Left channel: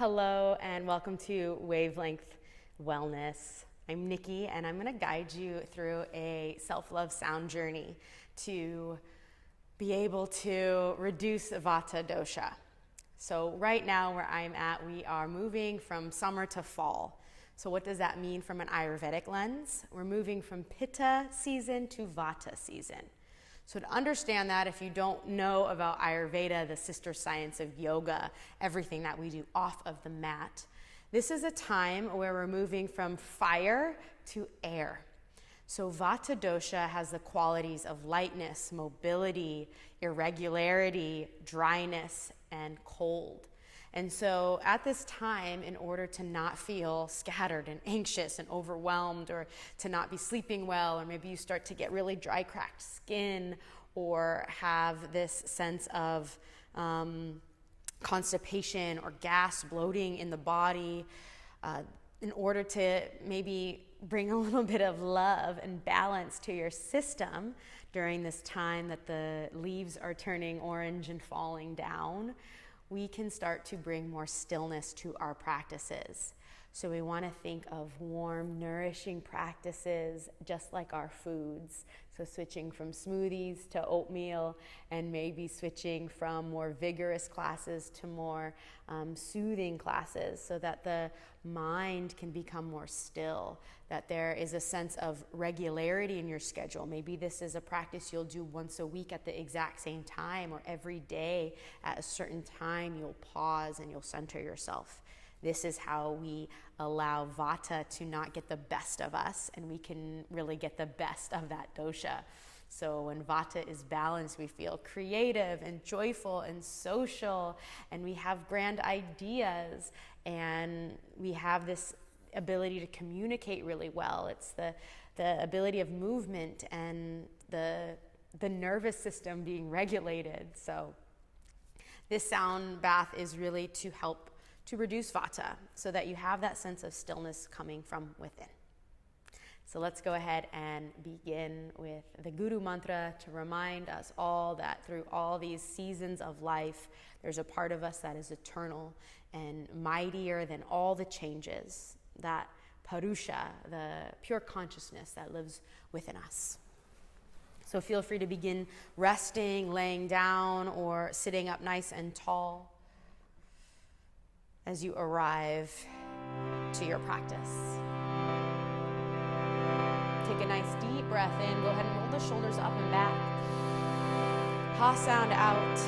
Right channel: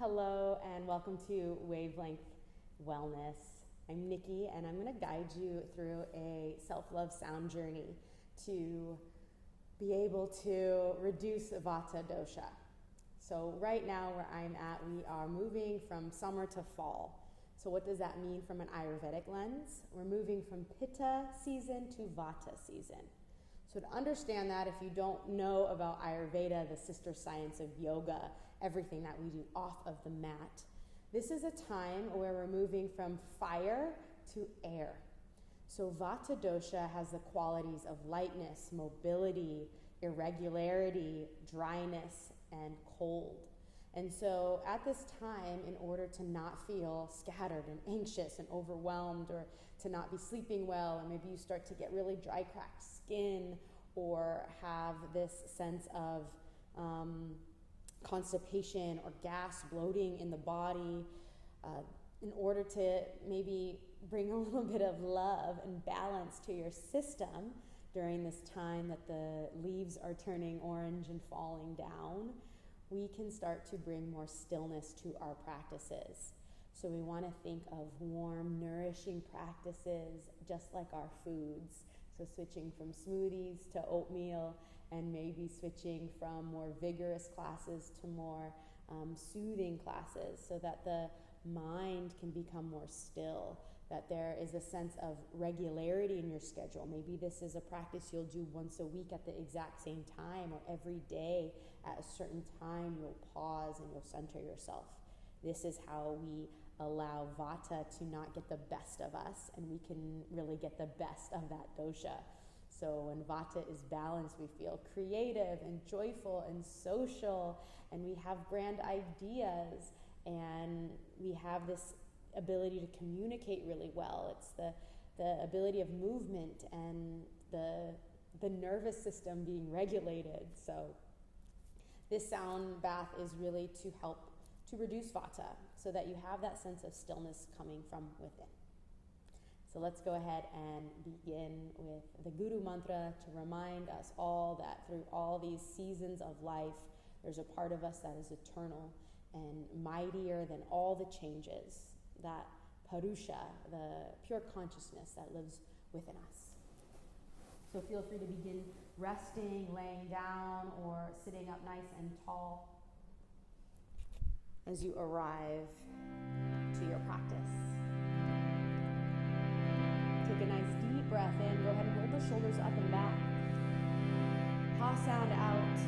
Hello and welcome to Wavelength Wellness. I'm Nikki and I'm going to guide you through a self-love sound journey to be able to reduce Vata Dosha. So right now where I'm at, we are moving from summer to fall. So what does that mean from an Ayurvedic lens? We're moving from Pitta season to Vata season. So to understand that, if you don't know about Ayurveda, the sister science of yoga, everything that we do off of the mat, this is a time where we're moving from fire to air. So Vata Dosha has the qualities of lightness, mobility, irregularity, dryness, and cold. And so at this time, in order to not feel scattered and anxious and overwhelmed, or to not be sleeping well, or maybe you start to get really dry, cracked skin, or have this sense of constipation or gas, bloating in the body, in order to maybe bring a little bit of love and balance to your system during this time that the leaves are turning orange and falling down, we can start to bring more stillness to our practices. So we want to think of warm, nourishing practices, just like our foods. So switching from smoothies to oatmeal, and maybe switching from more vigorous classes to more soothing classes, so that the mind can become more still, that there is a sense of regularity in your schedule. Maybe this is a practice you'll do once a week at the exact same time, or every day at a certain time you'll pause and you'll center yourself. This is how we allow Vata to not get the best of us, and we can really get the best of that dosha. So when Vata is balanced, we feel creative and joyful and social, and we have grand ideas, and we have this ability to communicate really well. It's the ability of movement and the nervous system being regulated. So this sound bath is really to help to reduce Vata, so that you have that sense of stillness coming from within. So let's go ahead and begin with the Guru Mantra to remind us all that through all these seasons of life, there's a part of us that is eternal and mightier than all the changes, that Purusha, the pure consciousness that lives within us. So feel free to begin resting, laying down, or sitting up nice and tall as you arrive to your practice. Take a nice deep breath in. Go ahead and roll the shoulders up and back. Ha sound out.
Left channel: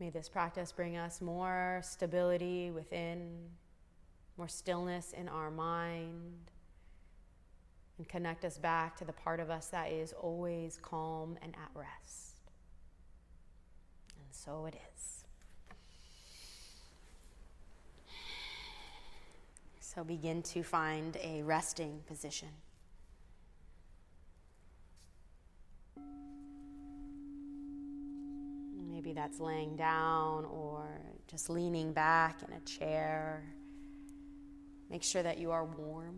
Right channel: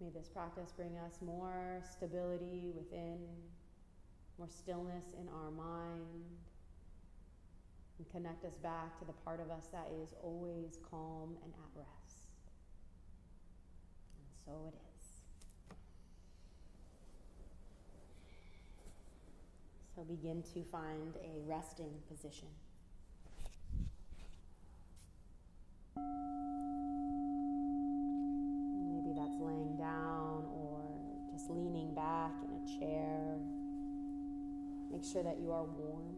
May this practice bring us more stability within, more stillness in our mind, and connect us back to the part of us that is always calm and at rest. And so it is. So begin to find a resting position. Maybe that's laying down or just leaning back in a chair. Make sure that you are warm.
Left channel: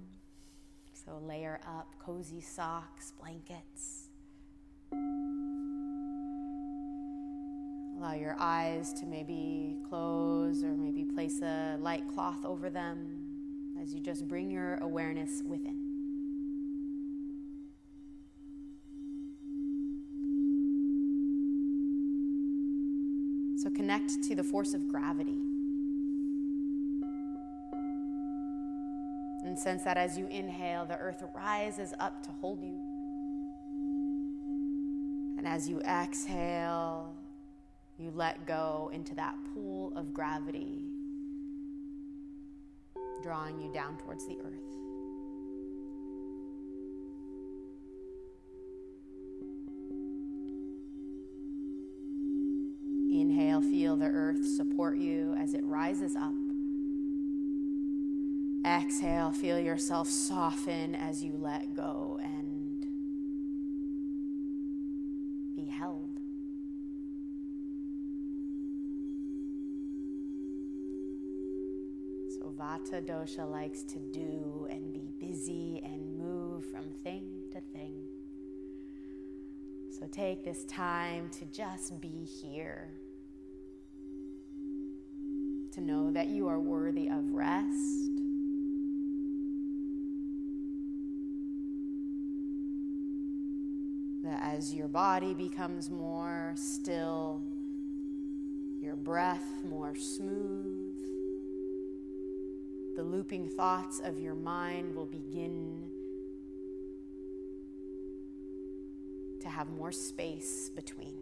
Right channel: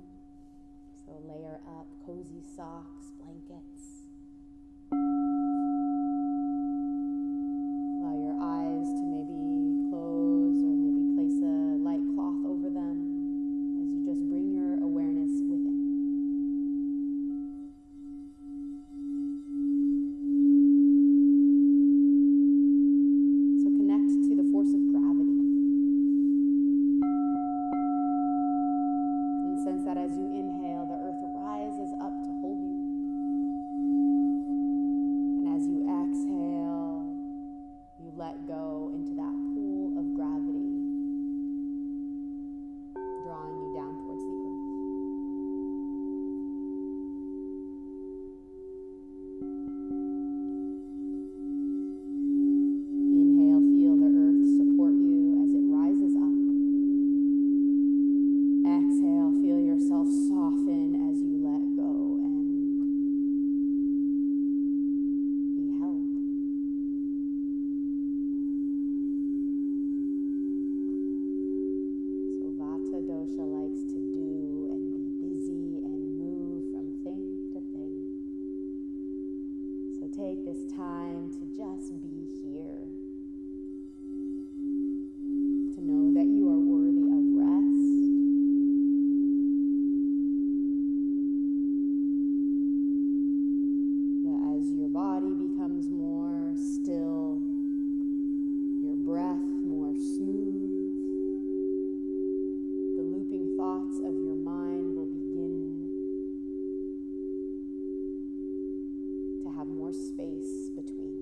So layer up cozy socks, blankets. Allow your eyes to maybe close or maybe place a light cloth over them as you just bring your awareness within. So connect to the force of gravity. And sense that as you inhale, the earth rises up to hold you. And as you exhale, you let go into that pool of gravity, drawing you down towards the earth. Inhale, feel the earth support you as it rises up. Exhale, feel yourself soften as you let go and be held. So Vata Dosha likes to do and be busy and move from thing to thing. So take this time to just be here. To know that you are worthy of rest. That as your body becomes more still, your breath more smooth, the looping thoughts of your mind will begin to have more space between.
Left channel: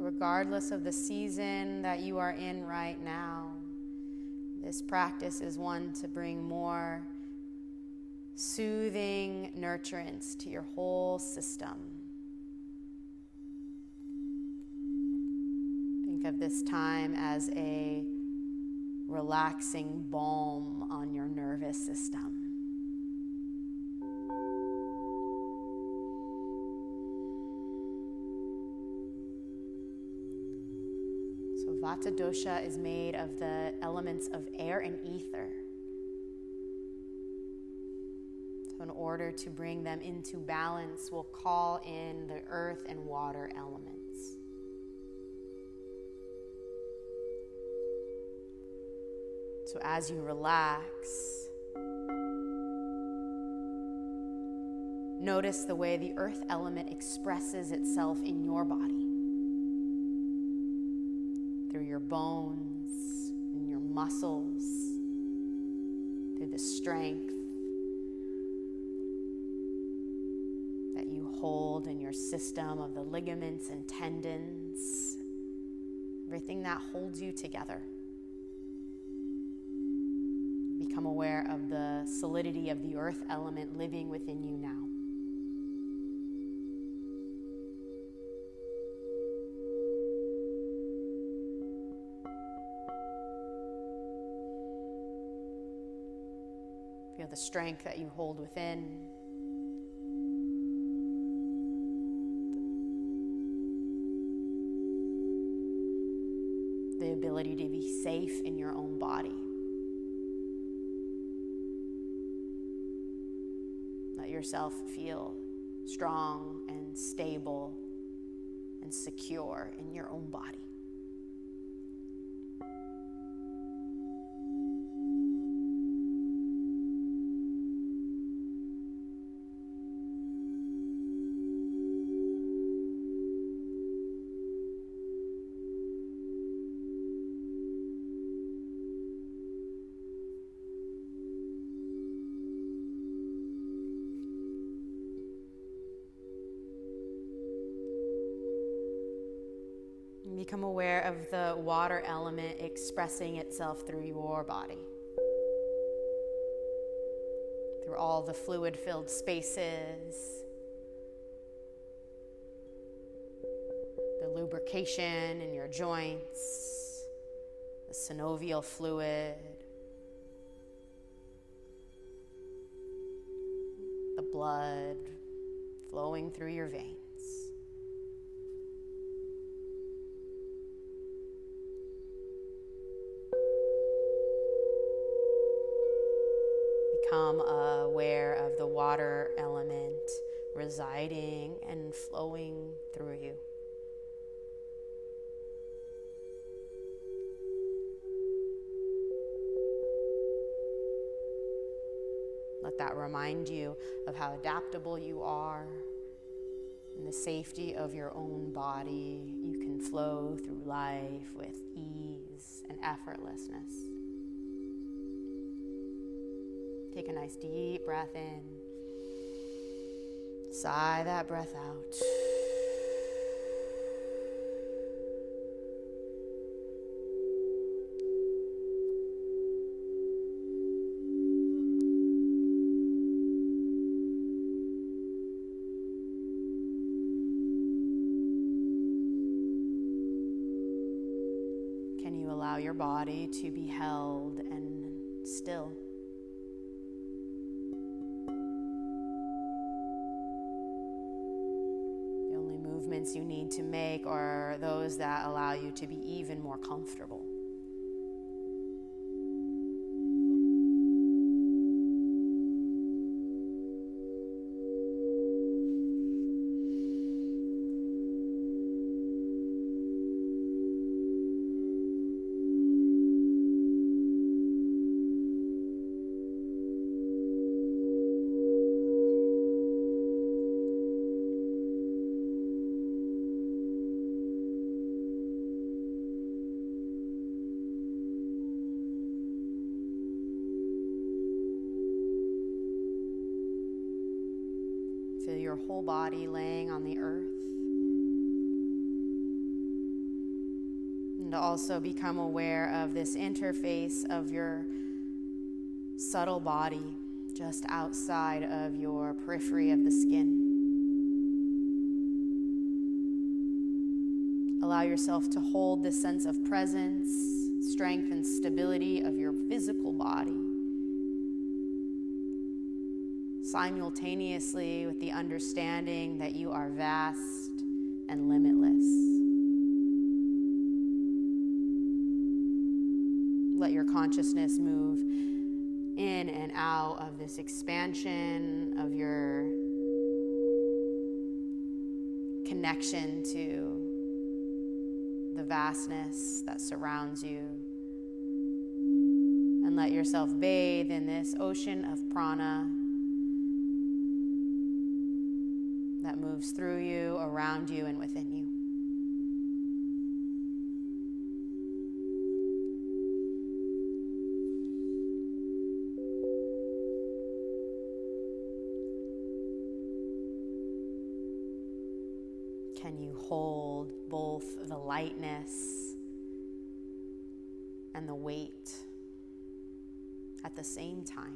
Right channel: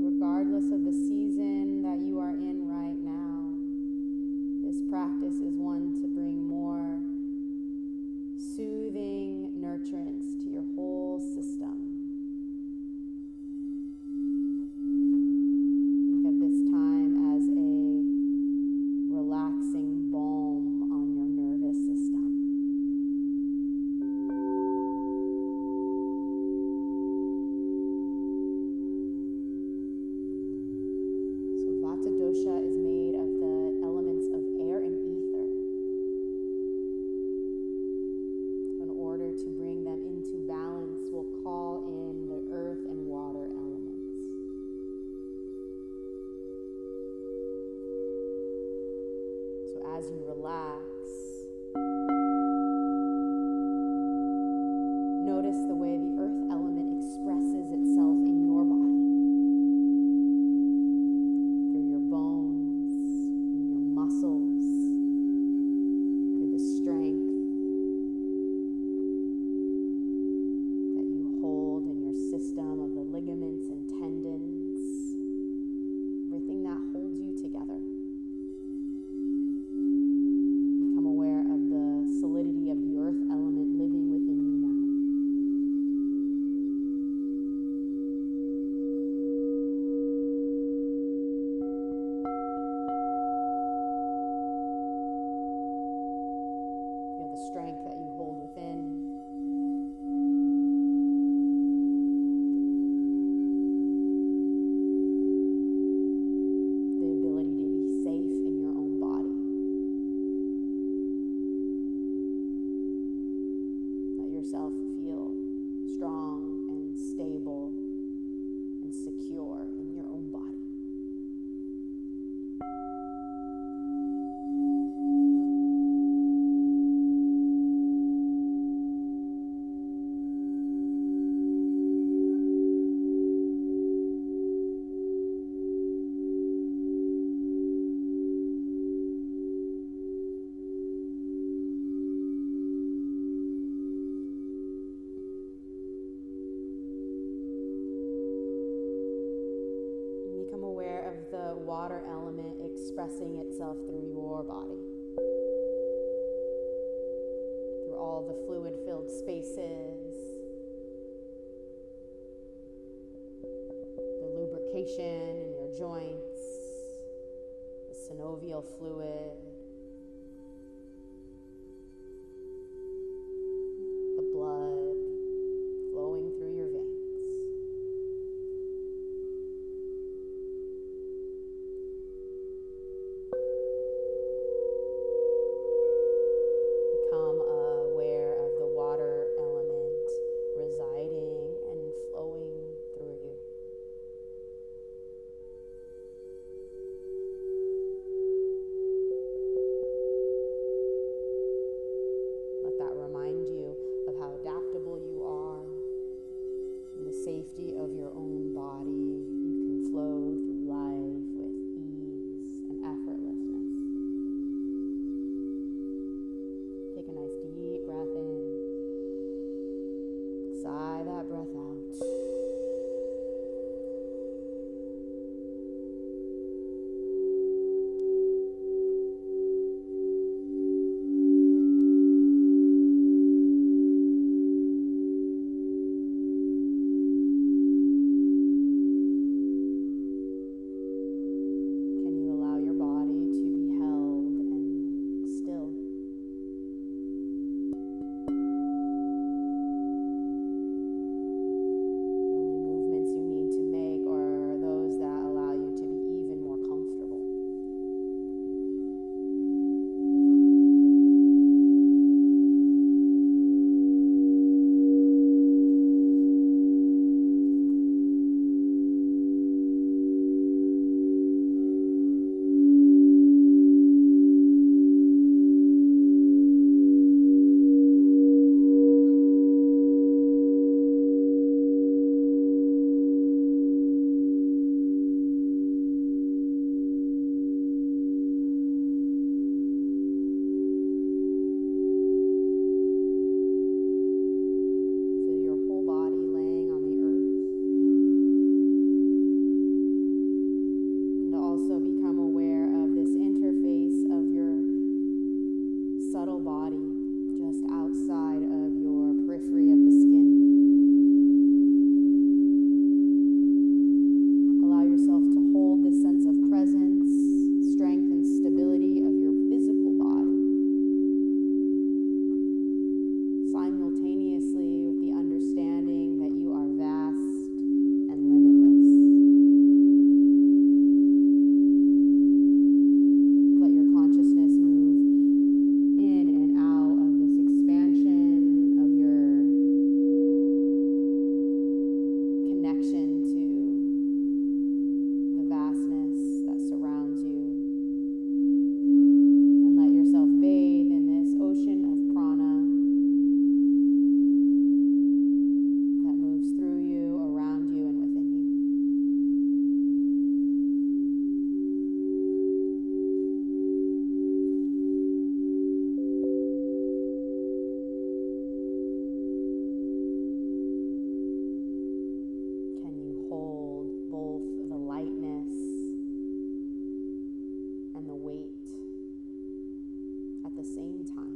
Regardless of the season that you are in right now, this practice is one to bring more soothing nurturance to your whole system. Think of this time as a relaxing balm on your nervous system. Vata Dosha is made of the elements of air and ether. So in order to bring them into balance, we'll call in the earth and water elements. So as you relax, notice the way the earth element expresses itself in your body. Bones and your muscles, through the strength that you hold in your system of the ligaments and tendons, everything that holds you together. Become aware of the solidity of the earth element living within you now. The strength that you hold within. The ability to be safe in your own body. Let yourself feel strong and stable and secure in your own body. Become aware of the water element expressing itself through your body. Through all the fluid-filled spaces, the lubrication lubrication in your joints, the synovial fluid, the blood flowing through your veins. Become aware of the water element residing and flowing through you. Let that remind you of how adaptable you are. In the safety of your own body, you can flow through life with ease and effortlessness. Take a nice deep breath in. Sigh that breath out. Can you allow your body to be held and still? You need to make are those that allow you to be even more comfortable. Body laying on the earth, and to also become aware of this interface of your subtle body just outside of your periphery of the skin. Allow yourself to hold this sense of presence, strength, and stability of your physical body, simultaneously with the understanding that you are vast and limitless. Let your consciousness move in and out of this expansion of your connection to the vastness that surrounds you. And let yourself bathe in this ocean of prana through you, around you, and within you. Can you hold both the lightness and the weight at the same time?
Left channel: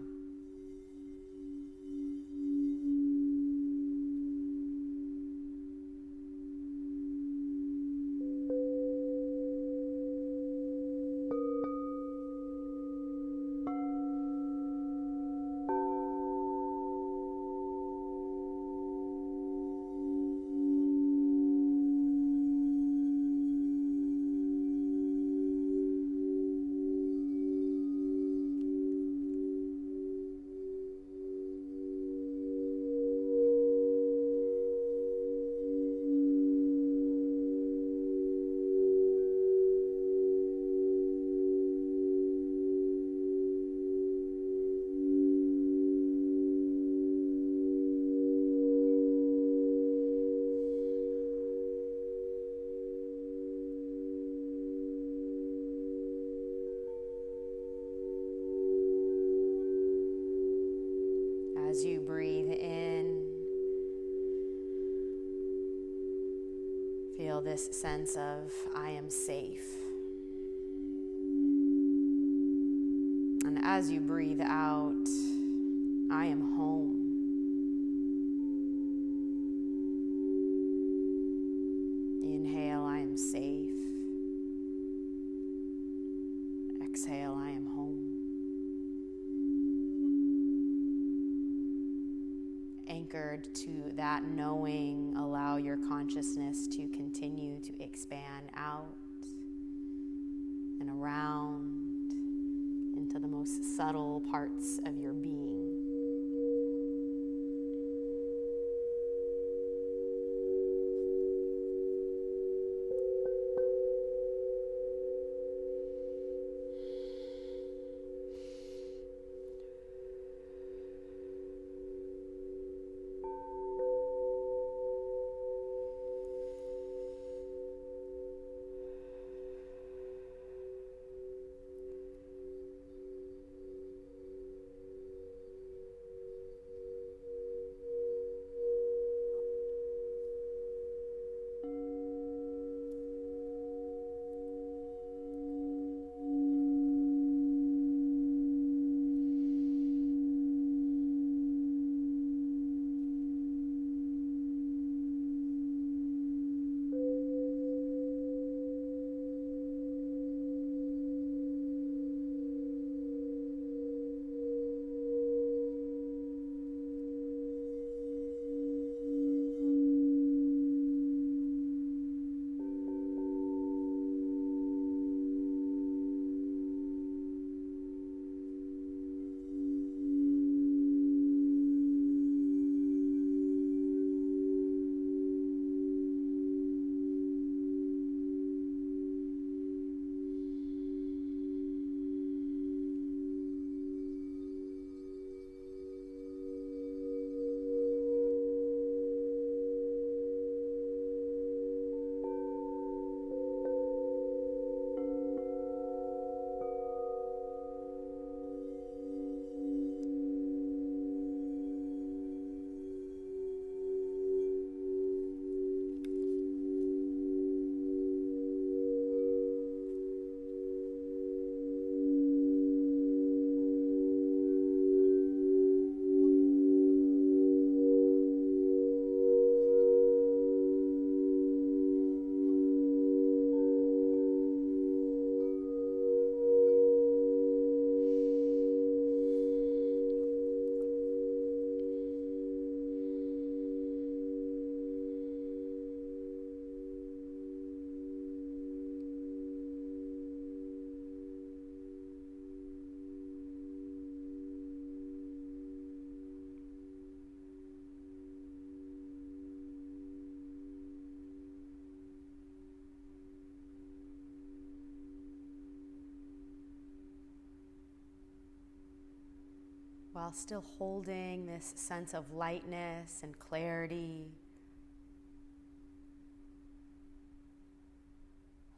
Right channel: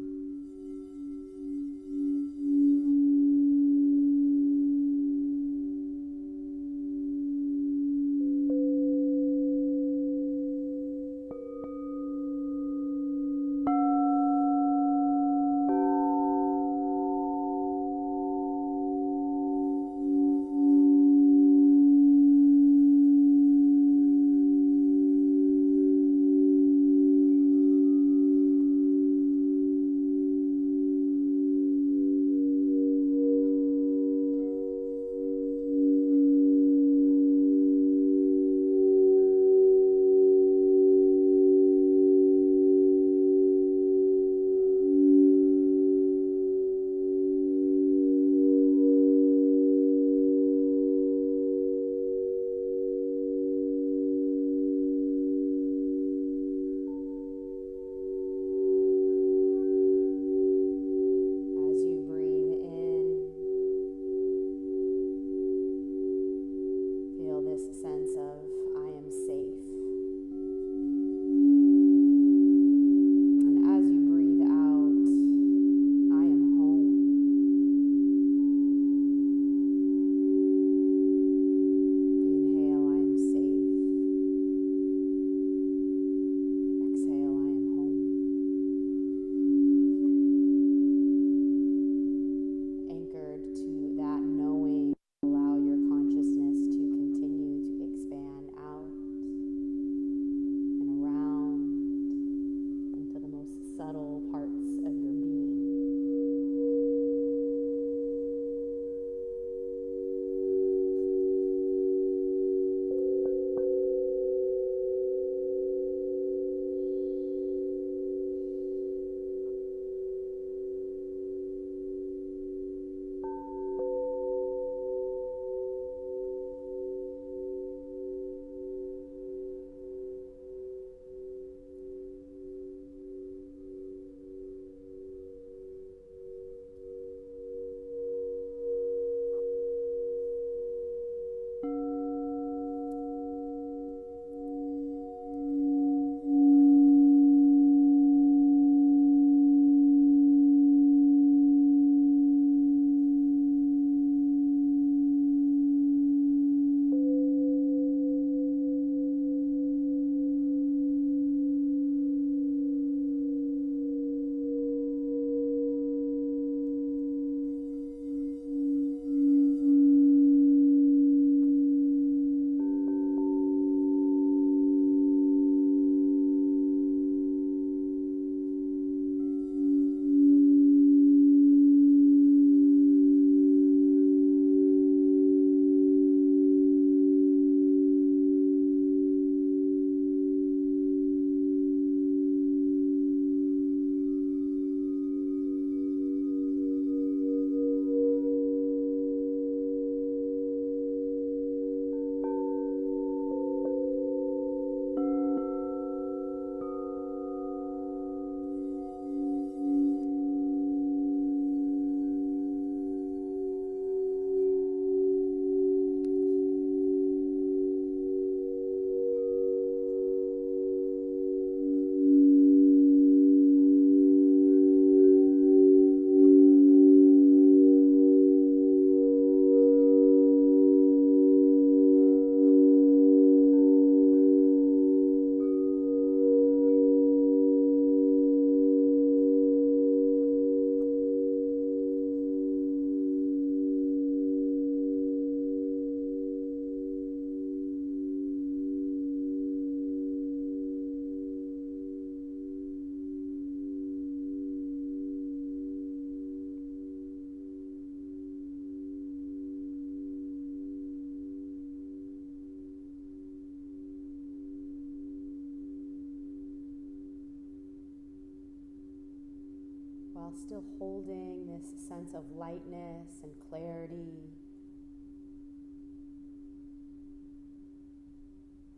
while still holding this sense of lightness and clarity,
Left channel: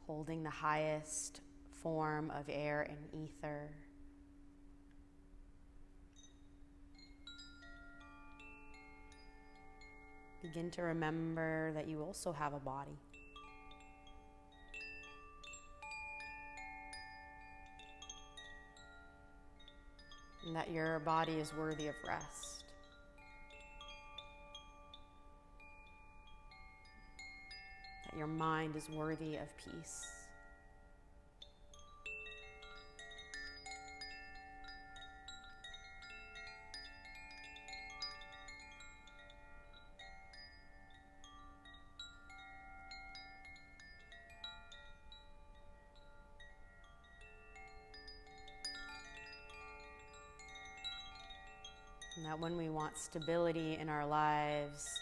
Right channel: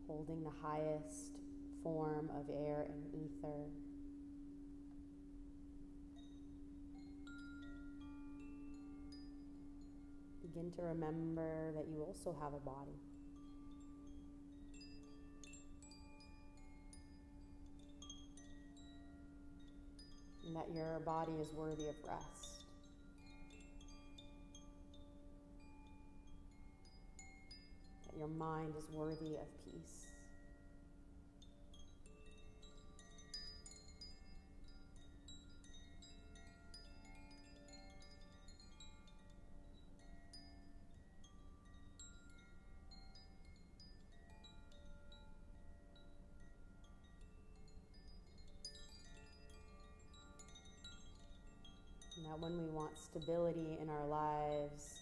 holding the highest form of air and ether. Begin to remember that you also have a body. And that your body is worthy of rest. That your mind is worthy of peace. And that when we want stability in our lives,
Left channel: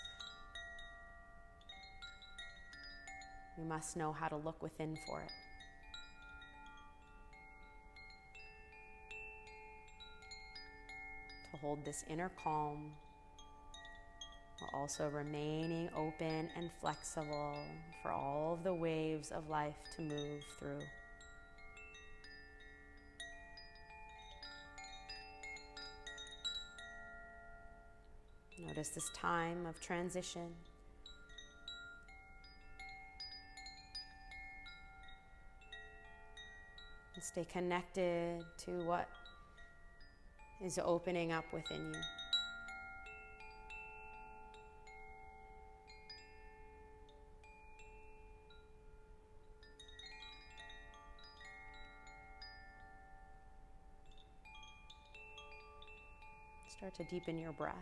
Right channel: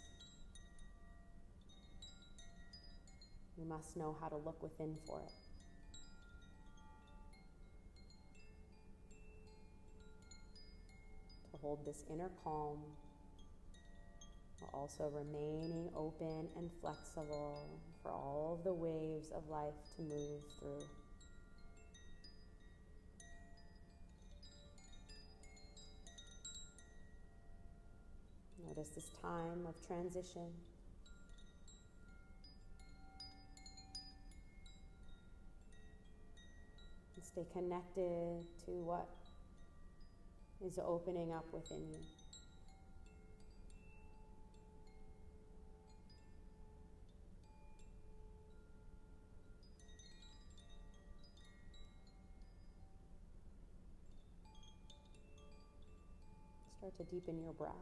we must know how to look within for it. To hold this inner calm, while also remaining open and flexible for all of the waves of life to move through. Notice this time of transition. And stay connected to what is opening up within you. Start to deepen your breath.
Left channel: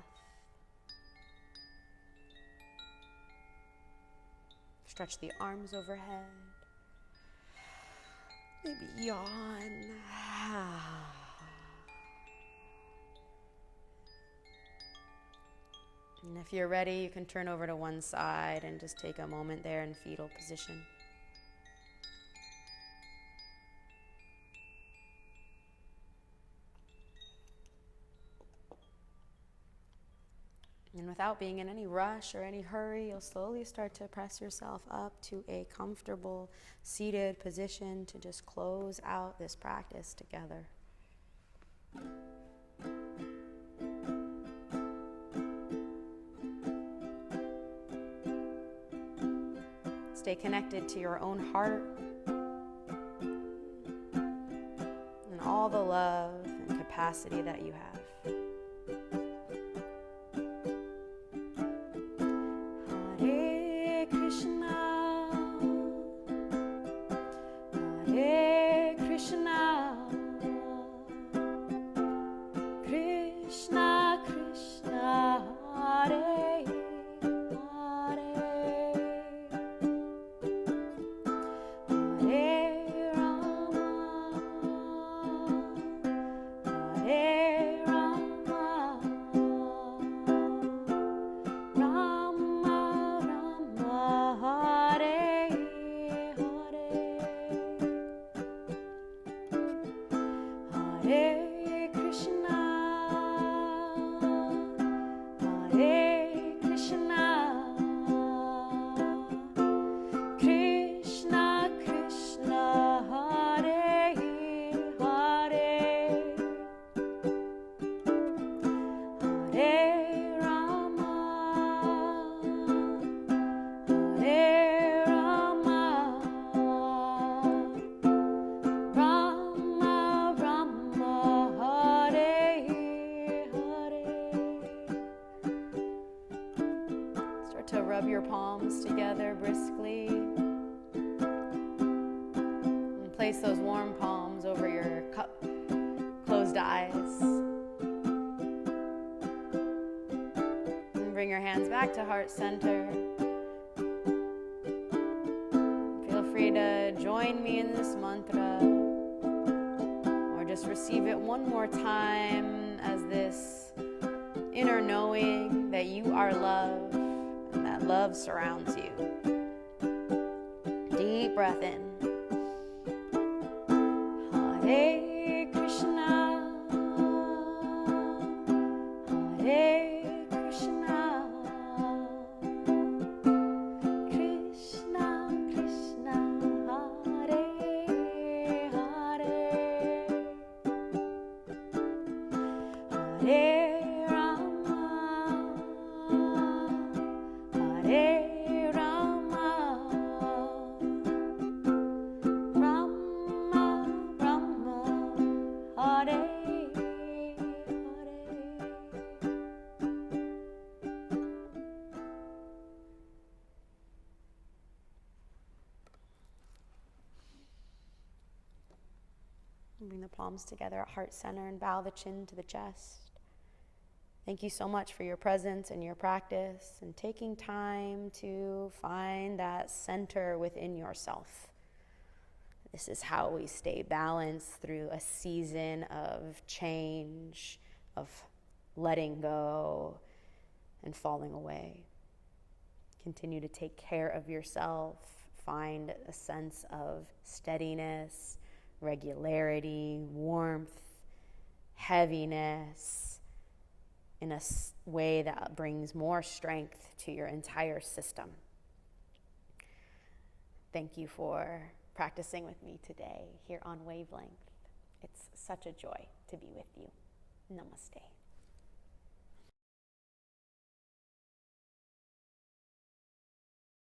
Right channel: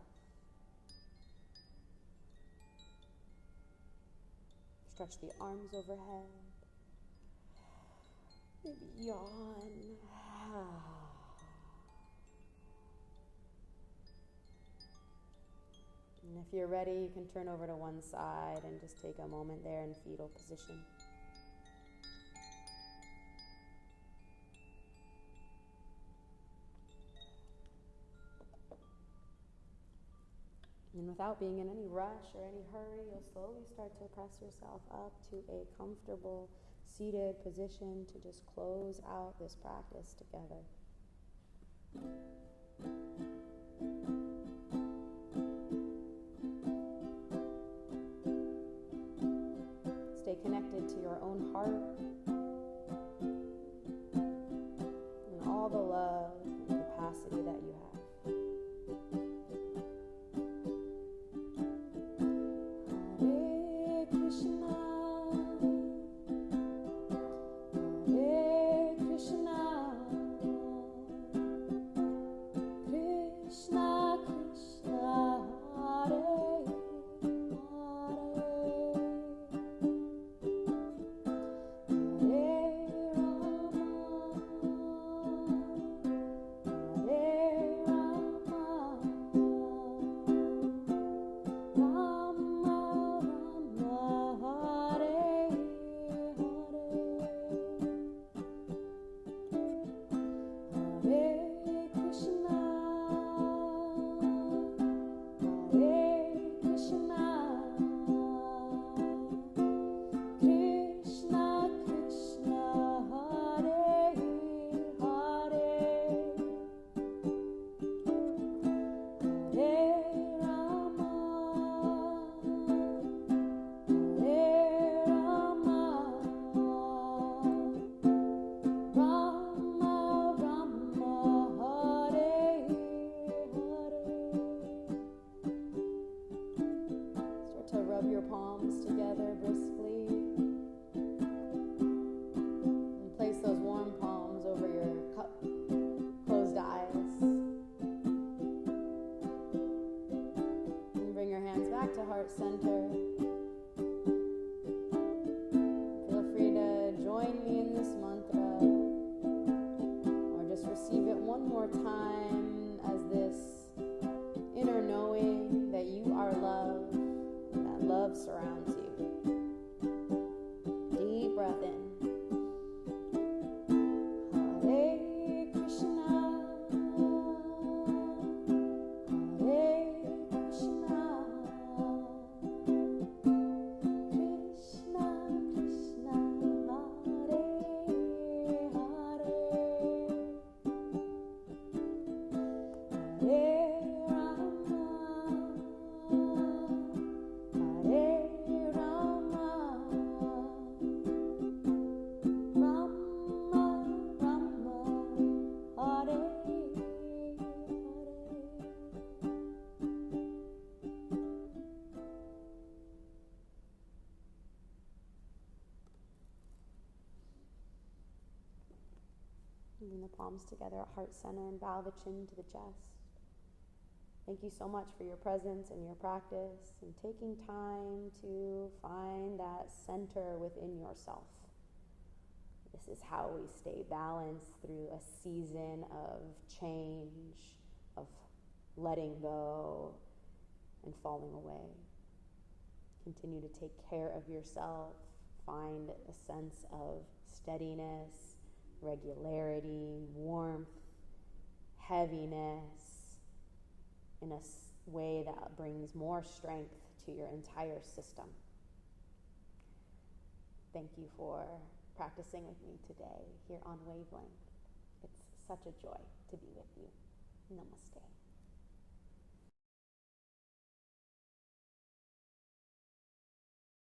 Stretch the arms overhead. Maybe yawn. And if you're ready, you can turn over to one side and just take a moment there in fetal position. And without being in any rush or any hurry, you'll slowly start to press yourself up to a comfortable seated position to just close out this practice together. Stay connected to your own heart and all the love and capacity that you have. Hare Krishna, Hare Krishna, Krishna Krishna, Hare Hare, Hare Rama, Hare Rama, Rama Rama, Hare Hare, Hare Krishna, Hare Krishna, Krishna Krishna, Hare Hare, Hare Rama, Hare Rama, Rama Rama, Hare Hare. Start to rub your palms together briskly. And place those warm palms over your closed eyes. And bring your hands back to heart center. Feel free to join me in this mantra, or just receive it one more time as this inner knowing that you are love and that love surrounds you. Deep breath in. Hare Krishna, Bring the palms together at heart center and bow the chin to the chest. Thank you so much for your presence and your practice and taking time to find that center within yourself. This is how we stay balanced through a season of change, of letting go and falling away. Continue to take care of yourself. Find a sense of steadiness, regularity, warmth, heaviness in a way that brings more strength to your entire system. Thank you for practicing with me today here on Wavelength. It's such a joy to be with you. Namaste.